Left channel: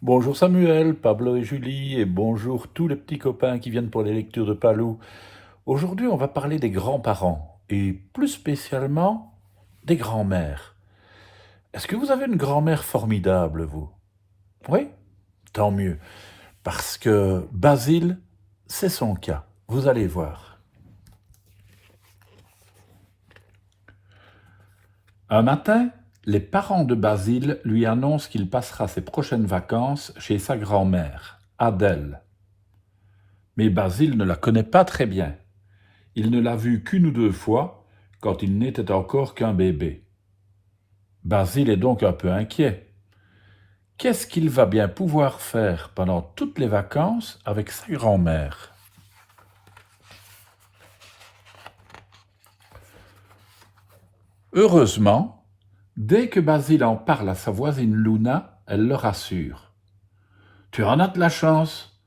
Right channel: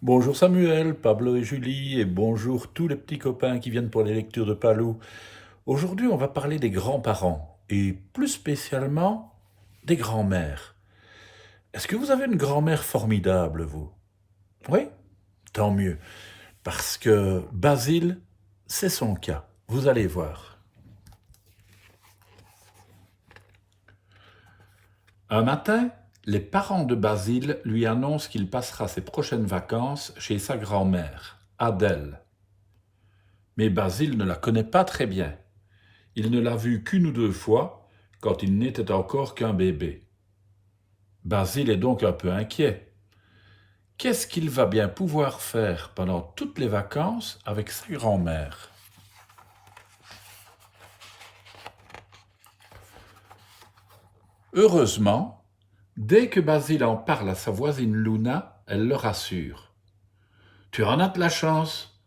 Bonjour Samuel, Pablo et Julie, et bonjour tous les petits copains qui viennent pour les lectures de Palou. Aujourd'hui, on va parler des grands-parents, et plus spécialement des grands-mères. Est-ce que vous avez une grand-mère formidable, vous? Oui? Tant mieux, parce que Basile, c'est son cas. Vous allez voir. Un matin, les parents de Basile lui annoncent qu'il passera ses prochaines vacances chez sa grand-mère, Adèle. Mais Basile ne la connaît pas très bien. Il ne l'a vue qu'une ou deux fois, quand il n'était encore qu'un bébé. Basile est donc un peu inquiet. Qu'est-ce qu'il va bien pouvoir faire pendant toutes les vacances avec sa grand-mère? Heureusement, dès que Basile en parle à sa voisine Luna, elle le rassure. Tu en as de la chance.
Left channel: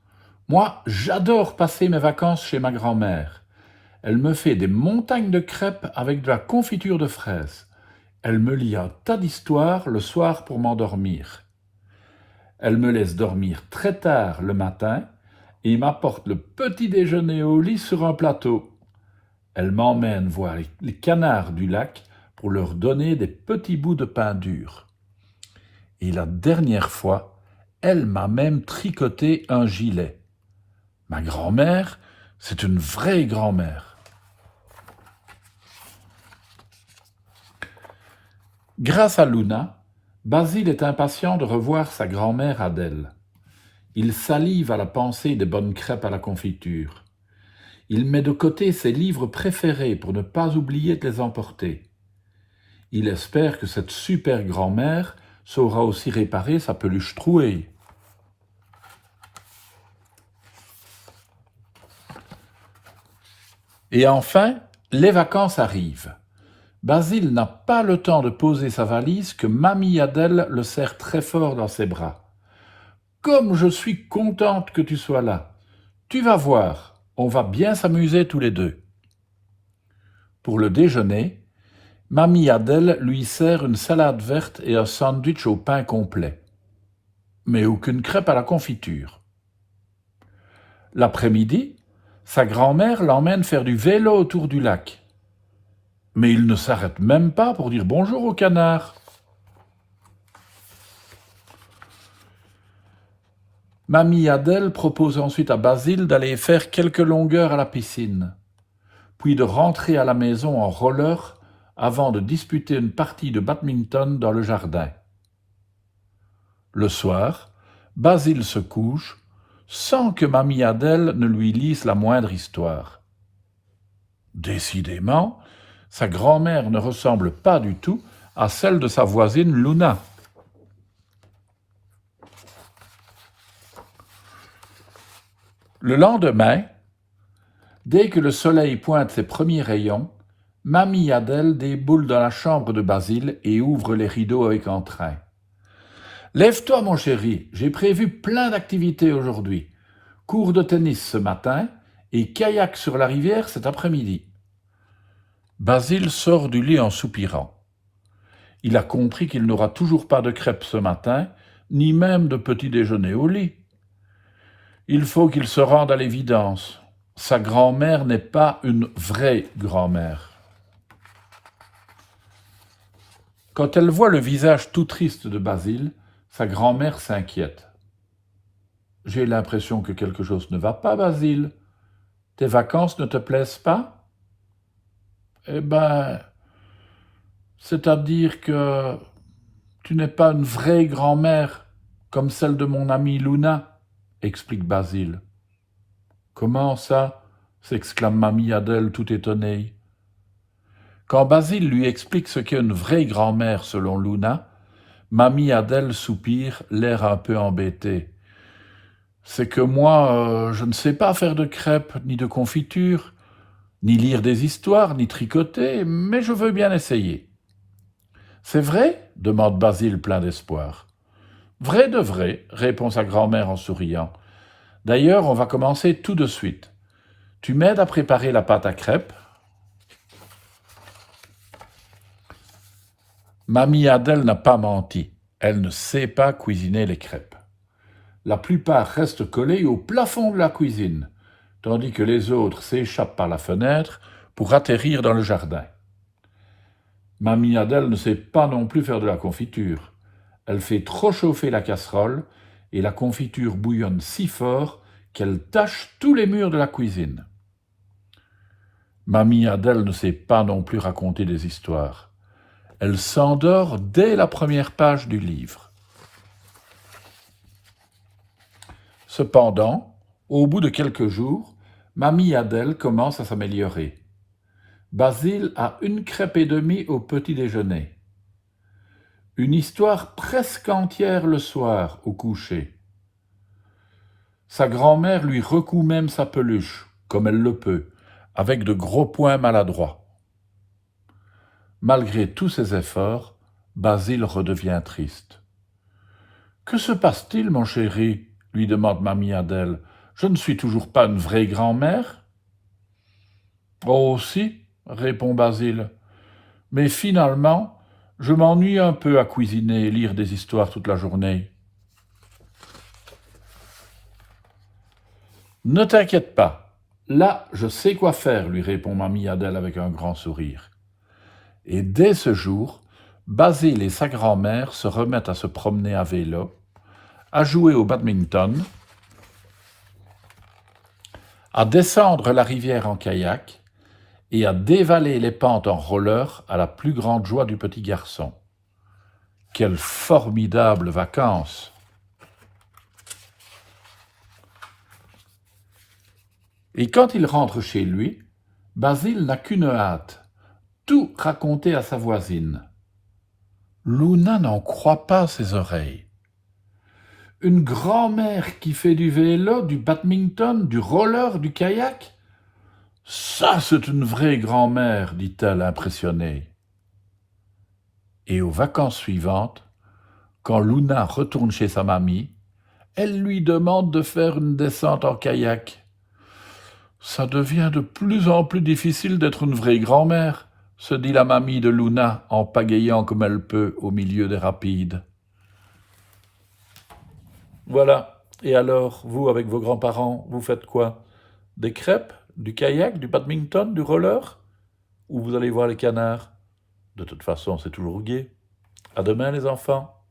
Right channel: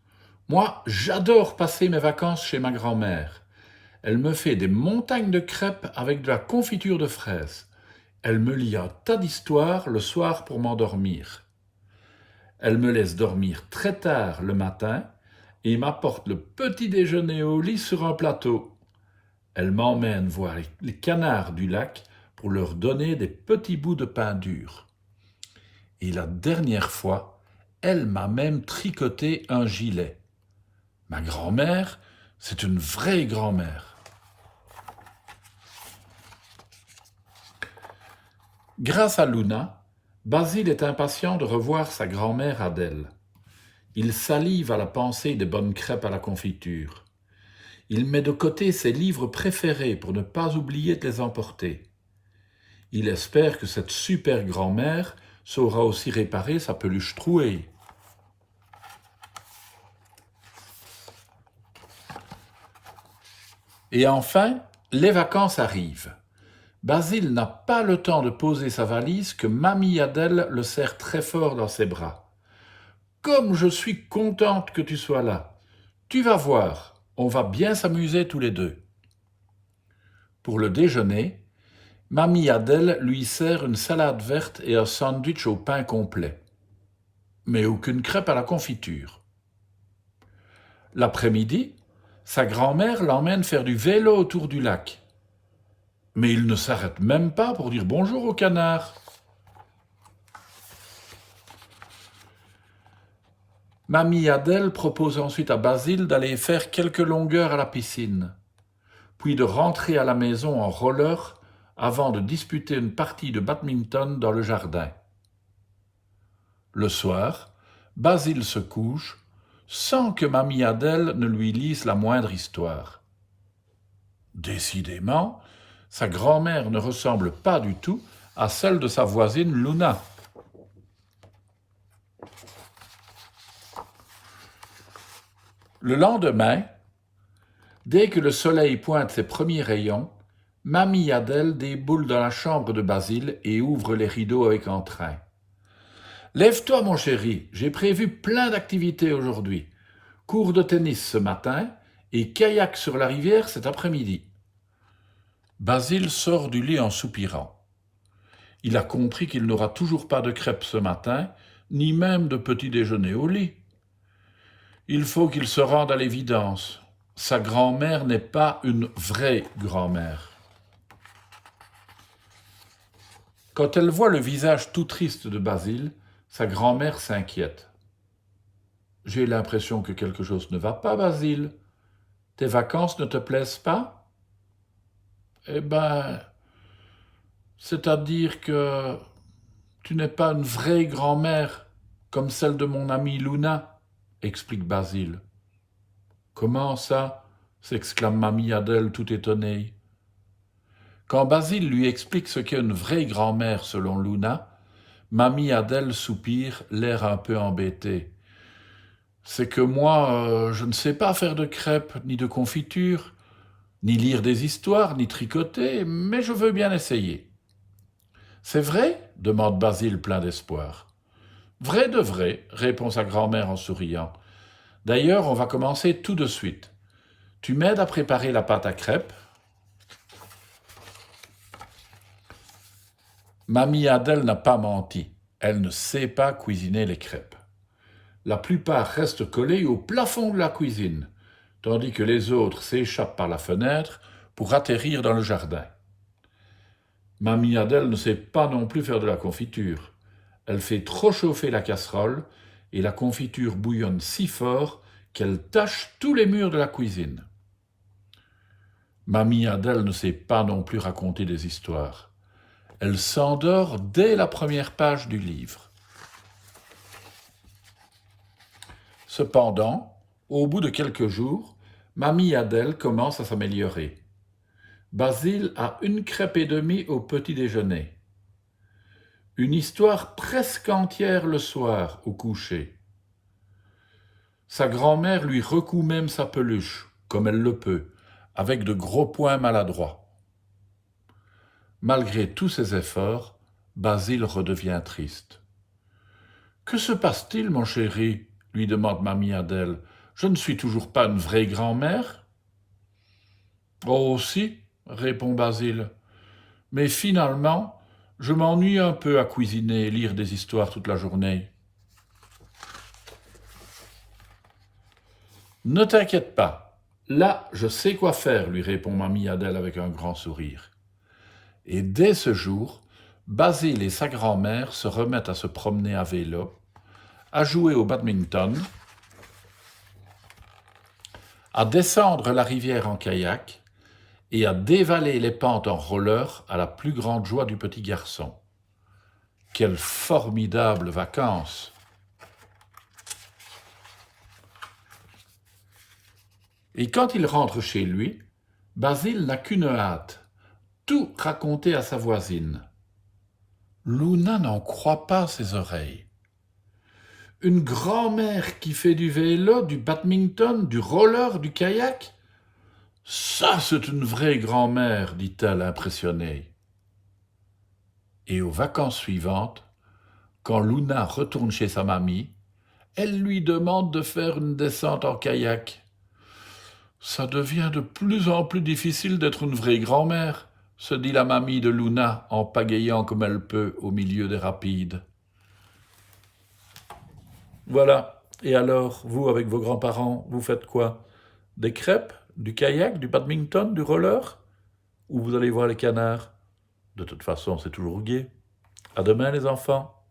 Moi, j'adore passer mes vacances chez ma grand-mère. Elle me fait des montagnes de crêpes avec de la confiture de fraises. Elle me lit un tas d'histoires le soir pour m'endormir. Elle me laisse dormir très tard le matin et m'apporte le petit déjeuner au lit sur un plateau. Elle m'emmène voir les canards du lac pour leur donner des petits bouts de pain dur. Et la dernière fois, elle m'a même tricoté un gilet. Ma grand-mère, c'est une vraie grand-mère. Grâce à Luna, Basile est impatient de revoir sa grand-mère Adèle. Il salive à la pensée des bonnes crêpes à la confiture. Il met de côté ses livres préférés pour ne pas oublier de les emporter. Il espère que cette super grand-mère saura aussi réparer sa peluche trouée. Et enfin, les vacances arrivent. Basile n'a pas le temps de poser sa valise que Mamie Adèle le serre très fort dans ses bras. Comme je suis contente que tu sois là. Tu vas voir, on va bien s'amuser tous les deux. Pour le déjeuner, Mamie Adèle lui sert une salade verte et un sandwich au pain complet. Mais aucune crêpe à la confiture. L'après-midi, sa grand-mère l'emmène faire du vélo autour du lac. Mais il ne s'arrête même pas pour dire bonjour au canard. Mamie Adèle propose ensuite à Basile d'aller faire quelques longueurs à la piscine, puis de rentrer à la maison en roller avant de disputer une partie de badminton dans le jardin. Le soir, Basile se couche sans que Mamie Adèle ne lui lise la moindre histoire. Décidément, sa grand-mère ne ressemble pas du tout à celle de sa voisine Luna. Le lendemain, dès que le soleil pointe ses premiers rayons, Mamie Adèle déboule dans la chambre de Basile et ouvre les rideaux avec entrain. Lève-toi, mon chéri, j'ai prévu plein d'activités aujourd'hui. Cours de tennis ce matin et kayak sur la rivière cet après-midi. Basile sort du lit en soupirant. Il a compris qu'il n'aura toujours pas de crêpes ce matin, ni même de petit déjeuner au lit. Il faut qu'il se rende à l'évidence. Sa grand-mère n'est pas une vraie grand-mère. Quand elle voit le visage tout triste de Basile, sa grand-mère s'inquiète. J'ai l'impression que quelque chose ne va pas, Basile. Tes vacances ne te plaisent pas? Eh ben, c'est-à-dire que tu n'es pas une vraie grand-mère comme celle de mon amie Luna, explique Basile. Comment ça? S'exclame Mamie Adèle tout étonnée. Quand Basile lui explique ce qu'est une vraie grand-mère selon Luna, Mamie Adèle soupire, l'air un peu embêté. C'est que moi, je ne sais pas faire de crêpes, ni de confiture, ni lire des histoires, ni tricoter, mais je veux bien essayer. C'est vrai? Demande Basile plein d'espoir. Vrai de vrai, répond sa grand-mère en souriant. D'ailleurs, on va commencer tout de suite. Tu m'aides à préparer la pâte à crêpes? Mamie Adèle n'a pas menti. Elle ne sait pas cuisiner les crêpes. La plupart restent collés au plafond de la cuisine, tandis que les autres s'échappent par la fenêtre pour atterrir dans le jardin. Mamie Adèle ne sait pas non plus faire de la confiture. Elle fait trop chauffer la casserole et la confiture bouillonne si fort qu'elle tache tous les murs de la cuisine. Mamie Adèle ne sait pas non plus raconter des histoires. Elle s'endort dès la première page du livre. Cependant, au bout de quelques jours, Mamie Adèle commence à s'améliorer. Basile a 1 crêpe et demie au petit déjeuner. Une histoire presque entière le soir au coucher. Sa grand-mère lui recoue même sa peluche, comme elle le peut, avec de gros poings maladroits. Malgré tous ses efforts, Basile redevient triste. « Que se passe-t-il, mon chéri ?» lui demande Mamie Adèle. « Je ne suis toujours pas une vraie grand-mère ?» ?»« Oh si, répond Basile. « Mais finalement, je m'ennuie un peu à cuisiner et lire des histoires toute la journée. » « Ne t'inquiète pas, là je sais quoi faire, lui répond Mamie Adèle avec un grand sourire. Et dès ce jour, Basile et sa grand-mère se remettent à se promener à vélo, à jouer au badminton, à descendre la rivière en kayak et à dévaler les pentes en roller à la plus grande joie du petit garçon. Quelles formidables vacances! Et quand il rentre chez lui, Basile n'a qu'une hâte, tout raconter à sa voisine. Luna n'en croit pas ses oreilles. Une grand-mère qui fait du vélo, du badminton, du roller, du kayak? Ça, c'est une vraie grand-mère, dit-elle impressionnée. Et aux vacances suivantes, quand Luna retourne chez sa mamie, elle lui demande de faire une descente en kayak. Ça devient de plus en plus difficile d'être une vraie grand-mère, se dit la mamie de Luna en pagayant comme elle peut au milieu des rapides. Voilà. Et alors, vous, avec vos grands-parents, vous faites quoi? Des crêpes, du kayak, du badminton, du roller? Ou vous allez voir les canards? De toute façon, c'est toujours gai. À demain, les enfants.